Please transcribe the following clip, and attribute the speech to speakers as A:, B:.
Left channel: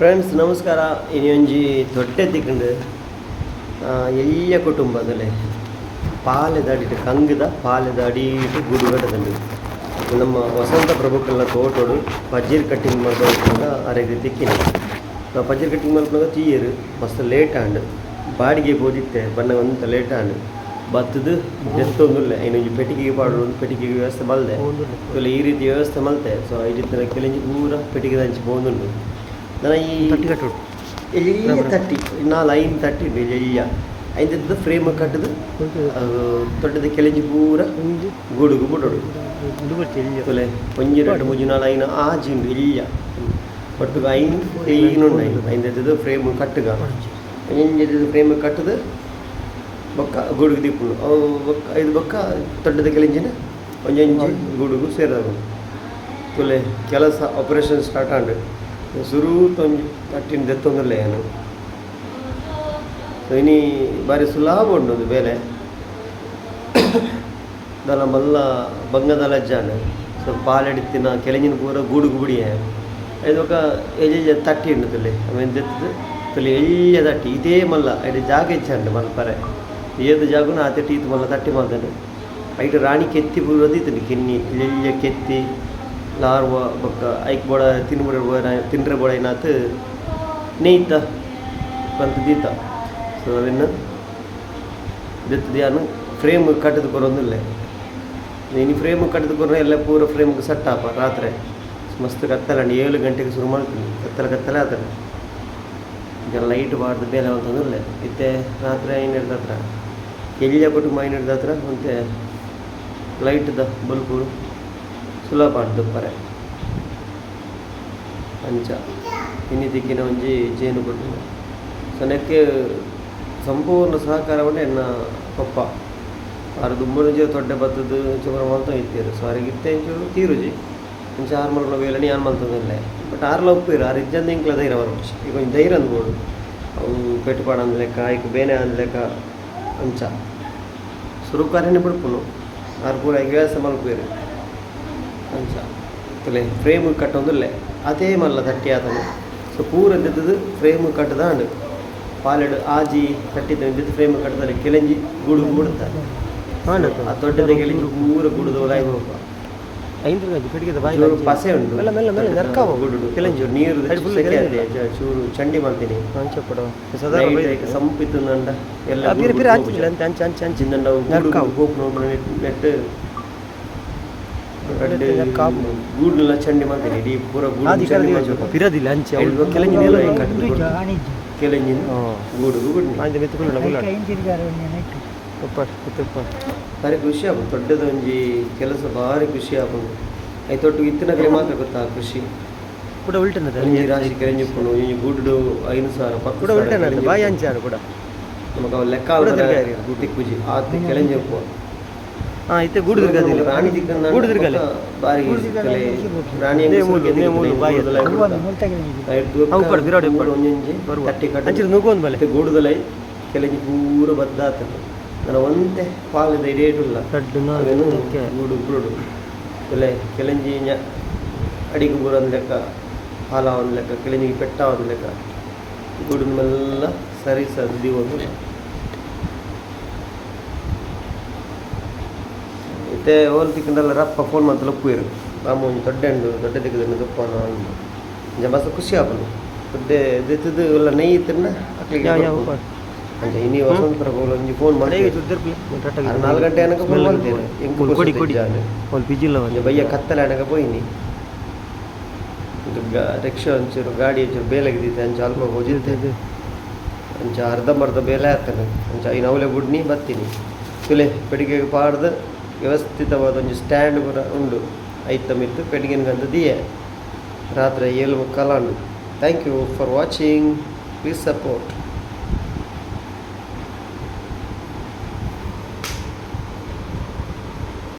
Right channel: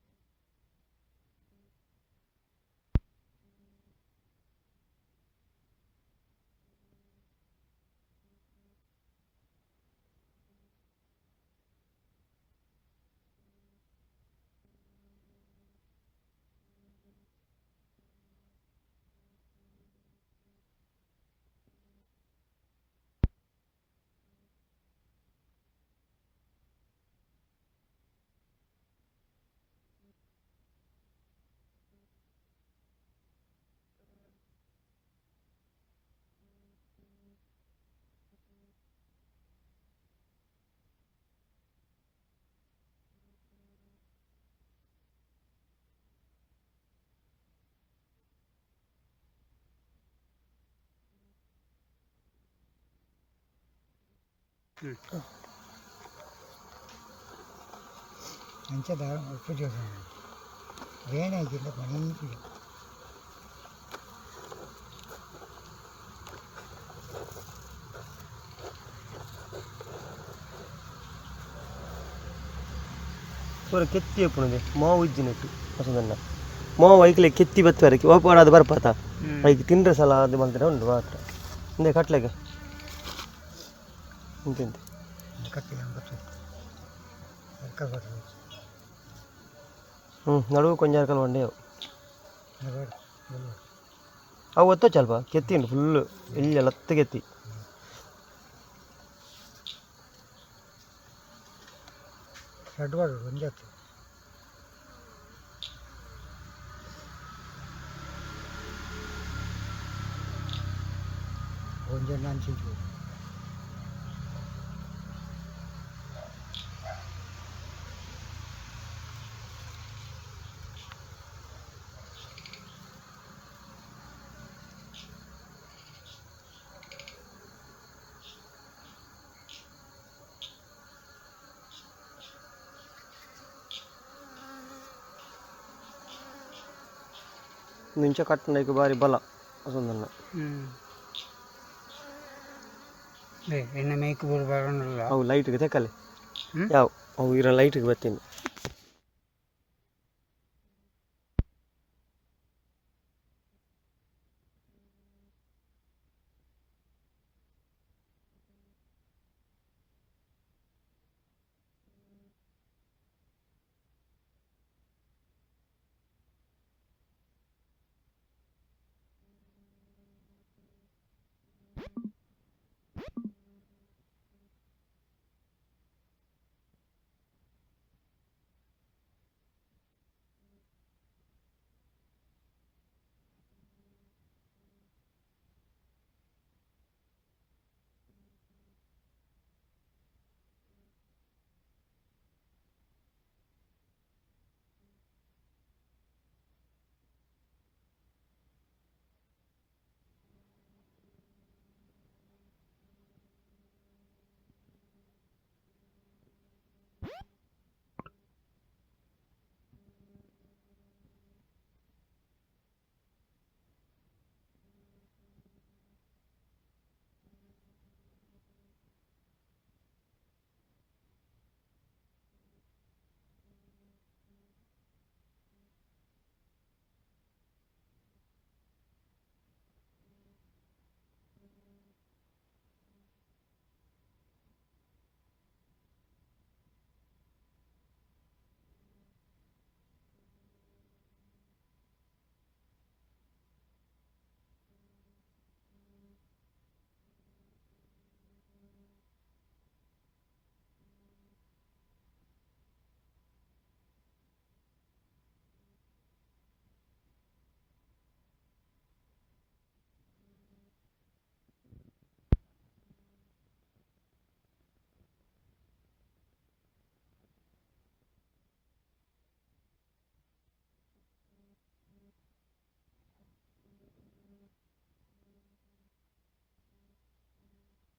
A: Friends ನಮಸ್ಕಾರ. ಇನ್ನೊಂಜಿ ದೊಡ್ಡ ತಿಕ್ಕಂಡು ಎಲ್ಲಿಯ ಕುಟುಂಬದಲ್ಲಿ ಪಾಲೆದ ಅಡಿಟ್ಟು ಕಂಗದ ಪಾಲೆದ ಅಡಿಟ್ಟು ಗುಡುಗಡದಂಡು ನಮ್ಮ ವಸಂತ ಪ್ರಭುಕಲ್ನ ತೋಟೋಡು ಪಜ್ಜೀರ್ ಕಟ್ಟಿಂಗ್ ಮಾಡ್ಕೊಂಡು ಅರೆಗೆ ತಿಕ್ಕಿನ ನಾವು ಪಜ್ಜೀರ್ ಕಟ್ಟಿಂಗ್ ಮಾಡ್ಕೊಂಡಾಗ ತೀಯರು ಮಸ್ತ್ ಲೇಟ್ ಆಂಡ್ ಬಾಡಿಗೆ ಬೋದಿತ್ತೆ ಬಣ್ಣ ಒಂತ ಲೇಟ್ ಆಂಡ್ ಬತ್ತದು ಎತ್ತೊಂದುಲ್ಲೆ ಇನ್ನೊಂದು ಪೆಟ್ಟಿಗೆಗೆ ಪಾಡು ಒಂದು ಪೆಟ್ಟಿಗೆಗೆ ವ್ಯವಸ್ಥೆ ಮಲ್ದೆ. ಈ ರೀತಿ ವ್ಯವಸ್ಥೆ ಮಲ್ತೆ. ಸೊ ಈ ರೀತಿ ಕೆಲಂಜಿ ಪೂರ ಪೆಟ್ಟಿಗೆ ಹಂಚಿ ಬೋದುಂಡು ಈ
B: ತಟ್ಟಿ
A: ಐದದ್ದು ಫ್ರೇಮ್ ಕಟ್ಟದು ದೊಡ್ಡದ ಕೆಲಂಜಿ ಪೂರ ಗೂಡುಗು ತೊಲೆ ಒಂಜಿ ಎರಡು ಮೂಜಿ ನಾಲ್ ಐನ ಆಜಿಂಡು ಎಲ್ಲಿಯ ಒಟ್ಟು ಐನ್ ಐನು ಐದದ್ದು ಫ್ರೇಮ್ ಕಟ್ಟುಗ. ಒಂಜೊಂದು ಫ್ರೇಮ್ ಕಟ್ಟದು ಬೊಕ್ಕ ಗೂಡುಗು ದಿಪ್ಪುಂಡು ಅವು ಬೊಕ್ಕ ಐದು ಬೊಕ್ಕ ದೊಡ್ಡದ ಕೆಲಂಜಿನ ಒಂಜೊಂಜಿ ಗೂಡುಗು ಸೇರದು. ತುಲೆ ಕೆಲಸ ಆಪರೇಷನ್ ಸ್ಟಾರ್ಟ್ ಆಂಡು. ಸುರು ತೊಂಜಿ ತಟ್ಟಿನ ದೆತ್ತೊಂದುಲ್ಲ ಏನು? ಸೊ ಇನಿ ಬಾರಿ ಸುಲಭ ಉಂಡು ಬೇಲೆ. ದಲ ಮಲ್ಲ ಬಂಗದ ಸ್ವಲ್ಪ ಸೊ ಪಾಲೆಡಿತ್ತಿನ ಕೆಳಗಿನ ಪೂರ ಗೂಡು ಗುಡಿಯ ಇದು ఒక ತಟ್ಟಿ ದೆತ್ತು ತುಲೆ
B: ತಿಂದ್ರೆ
A: ಏದು ಜಾಗುನ ಆತೆ ಟೀತ್ ಮಲ್ಲ ತಟ್ಟಿ ಮಾಡ್ತಾನೆ. ಐಟ್ ರಾಣಿ ಕೆತ್ತಿ ಬುಡದಿತ್ತು ಕೆನ್ನಿ ಕೆತ್ತಿ. ಲಾರ್ವ ಬೊಕ್ಕ ಐಕ್ ಬೋಡ ತಿನ್ಬುಡ ಬೋಡ ತಿನ್ರೆ ಬೋಡ ಏನಾತ್? ನೀಂದ ಬಂತ ದೀತ. ಸೊ ನಾವಿನ್ನು
B: ಅವತ್ತು ಚಲ್ಪ
A: ದೆತ್ತಿಯಾನು ಫ್ರೇಮ್ ಕಟ್ಟದ ಬರೋದಿಲ್ಲ. ನೀನು ಫ್ರೇಮ್ ಕಟ್ಟದ ಕೊಡ್ರೆ ಎಲ್ಲ ಪೂರ ಫ್ರೇಮ್ ಸೆಟ್ ಆಪ ರಾತ್ರಿ. ಮಸ್ತ್ ಕತ್ತಲ ಏಳು ಗಂಟೆಗೆ ಶುರು ಮಾಡ್ತೀನಿ. ಕತ್ತಲ ಕತ್ತಲ ಆದ್ರೆ. ಈಗ ಲೈಟ್ ಬಾರ್ದು ಬೇಲೆ ಅಂತಂದಿಲ್ಲ ಇತ್ತೆ ರಾತ್ರಿ ಏನು ಹಿಡ್ದ ಹತ್ರ? ಎಲ್ಲಿಯ ಕುಟುಂಬ ಐನು ಹಿಡ್ದ ಹತ್ರ? ಮತ್ತೆ ಲೈಟ್ದ ಬಲ್ಪು ಸುಲಭ ಅಂಟು ಪರೆ. ಅಂಚ ಇನ್ನು ದಿಕ್ಕಿನ ಒಂಜಿ ಜೇನು ಬಂದು ಸನಕ್ಕೆ ಸಂಪೂರ್ಣ ಸಹಕಾರವನ್ನು ಎನ್ನ ಪಪ್ಪ ಆರು ದುಂಬುನುಜಿ ತೊಡ್ಡೆ ಬತ್ತದು ಚುಮರ ಮಲ್ತ ಇತ್ತೀರು ಸೊ ಅವ್ರಿಗೆ ಇತ್ತೆ ಇಂಚೂರು ತೀರುಜಿ ಇಂಚ ಆರು ಮಲ್ಗಳ ವೇಳೆ ಯಾನ್ ಮಲ್ತದಿಲ್ಲ ಬಟ್ ಆರ್ಲ ಇರು ಆರು ಇಜ್ಜಂದ ಇಂಕ್ಲ ಧೈರ್ಯ ಅವರು ಈಗ ಒಂದು ಧೈರ್ಯ ಅಂದ್ಬೋದು ಅವು ಪೆಟ್ಟುಪಾಡ ಅಂದ ಲೆಕ್ಕ ಈಗ ಬೇನೆ ಅಂದ ಲೆಕ್ಕ ಅಂಚ. ಸುರುಕಾರನೇ ಬಿಡ್ಪುನು ಆರು ಪೂರ ಈಗ ವ್ಯಾಸ ಮಲ್ಪೇರು
B: ಬೇಕಲ್ಲ
A: ತಲೆ ಫ್ರೇಮ್ ಕಟ್ಟೊಂದಿಲ್ಲ
B: ಲೈಟ್
A: ಅದೇ ಮಲ್ಲ ತಟ್ಟಿ ಆತನು ಸೊ ಪೂರ ಎದ್ದದ್ದು ಫ್ರೇಮ್ ಕಟ್ಟದಾಂಡು ಪಾಲೆಡು ಆಜಿ ಕಟ್ಟಿದ ಎದ್ದದ್ದು ಫ್ರೇಮ್ ಕಟ್ಟದಲ್ಲಿ ಕೆಳಂಜಿ ಗುಡು ಬಿಡುತ್ತಾರೆ ಆ ದೊಡ್ಡದ ಕೆಳಂಜಿ ಪೂರ ಗುಡುದು ಒಳಗೆ ಹೋಗುವ
B: ಐದು ಬಾಯಿ
A: ಚೂರು ಪಸೆ ಉಂಟು
B: ಮೆಲ್ಲ ಮೆಲ್ಲ ಮೆಲ್ಲ ನರ್ಕಾವ
A: ಗುಡುಡು ಕೆಲಂಜಿ ನೀರು ಚೂರು ಚಂಡಿ ಮಾಡ್ತೀನಿ
B: ಅಂಚ ಕೊಡುವ ಸದಾ
A: ಸಂಪಿತ್ತು ನಂಡ ಎಲ್ಲ
B: ಪಿರಿ ಪಿರಿ ಹಂಚಿಲ್ಲ ಅಂತ ಅಂಚ ಅಂಚ ಅಂಚ
A: ಚಿನ್ನಂಡ
B: ನರ್ಕಾವು.
A: ಗೋಪು ನೆಟ್
B: ನರ್ಕಾವು.
A: ಗೂಡ್ನೆಲ್ಲ ಚಂಡಿ ಮಾಡ್ತೀನಿ ಇಡೀ ಪೂರ
B: ಆದಿ
A: ಗೂಡು ಚಂಡಿ
B: ಕರದಿ
A: ಮಾಡ್ಬೇಕು
B: ಪಿರದಿಲ್ಲ ಅಂಚೆ
A: ಐದು
B: ಅವಳು ಕೆಳಗಿನ ಎಲ್ಲ
A: ಕೆಳಗಿನ ಕಟ್ಟದು ಕೆಳಂಜಿನ ಗೂಡು ಗೂಡು
B: ಆಯ್ತು ಮೆತ್ತುಕೊಳ್ಳ ಮುಲ್ಲ ಉಪ್ಪ ಉಪ್ಪ
A: ಭಾರಿ ಖುಷಿ ಆಗ್ಬೋದು ದೊಡ್ಡದ ಒಂಜಿ ಕೆಲಸ ಭಾರಿ ಖುಷಿ ಆಗ್ಬೋದು ಐತೊಟ್ಟು ಇತ್ತಿನ ಕಡೆ ಮಾತ್ರ ಗೊತ್ತಾ ಖುಷಿ
B: ಕೂಡ ಉಲ್ಟನದ
A: ಒಂಜಿ ರಾಶಿ ಕೆಳಂಜಿಪ್ಪುನು ಈ ಗೂಡು ಐನು ಸಾವಿರ ಪಕ್ಕ
B: ಕೂಡ ಉಲ್ಟನದ ಬಾಯಿ ಅಂಚಾರು ಕೂಡ
A: ನಮಗೆ ಅವು ಲೆಕ್ಕ
B: ಕೂಡ
A: ಆದ್ರೆ
B: ತಿರ್ಗಾರಿ.
A: ಗುಟ್ಟಿ ಖುಷಿ ಆತ ಕೆಳಂಜಿಪ್ಪು
B: ಹಾ ಇತ್ತೆ ಗೂಡು ತಿರ್ಗದಿಲ್ಲ
A: ರಾಣಿ ದಿಕ್ಕನ್ನ
B: ಗೂಡು ತಿರ್ಗಲೆ
A: ಬಾರಿ ರಾಣಿ
B: ಮೂಲು, ಮೂಲು ಬಾಯಿ ಅವು ಕೊಡು, ಬಿರಾಡಿ.
A: ಒಂಜೊಂಜಿ. ತಟ್ಟಿ ಕಟ್ಟಿ
B: ಅಂಚಿರ ನುಗ್ಗೊಂದು ಬಲೆ.
A: ಗೂಡುದಲೈ ಕೆಲಗಿ ಪೂರ ಬದ್ದಾತ ನನ್ನ ಒಂತೆ ಪಾಲದ ಇಡೇಟುಲ್ಲ
B: ತಡ್ಡು
A: ಗೂಡು ಗೂಡು. ಕೆಲೆ ಕೆಲಂಜಿ ಅಡಿಗೆ ಬೂರ ಒಂದು ಲೆಕ್ಕ ಹಾಲ ಒಂದು ಲೆಕ್ಕ ಕೆಲಂಜಿಗೆ ಪೆಟ್ಟ ಒಂದು ಲೆಕ್ಕ. ಗೂಡಿನ ಮೆಲ್ಲ ಸರಿ ಸದ್ದಿ ಒಂದು ಮತ್ತೆ ಓಲ್ ತಿಕ್ಕಂಡಲ್ಲ ರಪ್ಪ ಫೋನ್ ಮಾತ್ರ ಲಪ್ಪುಯಿರು ರಾಮ ಒಂದು ದೊಡ್ಡ ಹಣ್ಣು ದೊಡ್ಡ ದಿಕ್ಕದನ್ನು ದಪ್ಪನ ಅಂಜ ಮಸ್ತ್ ಖುಷಿ ಆಪನು ದೊಡ್ಡ ಎದ್ದಿದ್ದು ಎಲ್ಲ ನೈ ತಿನ್ನ ಅಕ್ಲಿಗೆ. ಅಂಚ ಇನ್ನಿ ವಸಂತ ಪ್ರಭು ಒಂಜಿ ಫೋನ್ ಮಾಡಿ ನಾಲ್ಕು ಗಂಟೆ ಅನಕ ಫೋನ್ ಮಾಡ್ತೇನೆ ಹೆಂಗೆ
B: ಕೊಡಿ ಕೊಡಿ. ಒಂದು ಪಿಜಿಲ್ಲ
A: ಬಯ್ಯ ಕತ್ತಲೆ ಅನಕ ಪೋಯಿನಿ ರಿಕ್ಷಾ ಒಂಚೂರು ಗಾಡಿ ಒಂಚೂರು ಬೇಲೆಗಿದ್ದಿತ್ತೆ ಅಂಚ ಅಲ್ಪ ಹೋಜಿದ್ದೆ ಅಂಚ ಅರ್ಧಂಬರ್ಧ ಬೇಲೆ ಆಗ್ತಾನೆ ಅಂಚ ಐನು ಅವಲೆ ಬುಡ್ನಿ ಬರ್ತೀನಿ ತುಲೆ ಪೆಡಿಗೆಗೆ ಪಾಡ್ದು ವ್ಯವಸ್ಥಿತವಾದ ಒಂದು ಸ್ಟ್ಯಾಂಡ್ ಕೂಡ ಉಂಡು ಐತಮಿತ್ತು ಗಂಧ ದಿಯೆ ರಾತ್ರಿ ಏಳು ಮುಕ್ಕಾಲ thank you for watching please support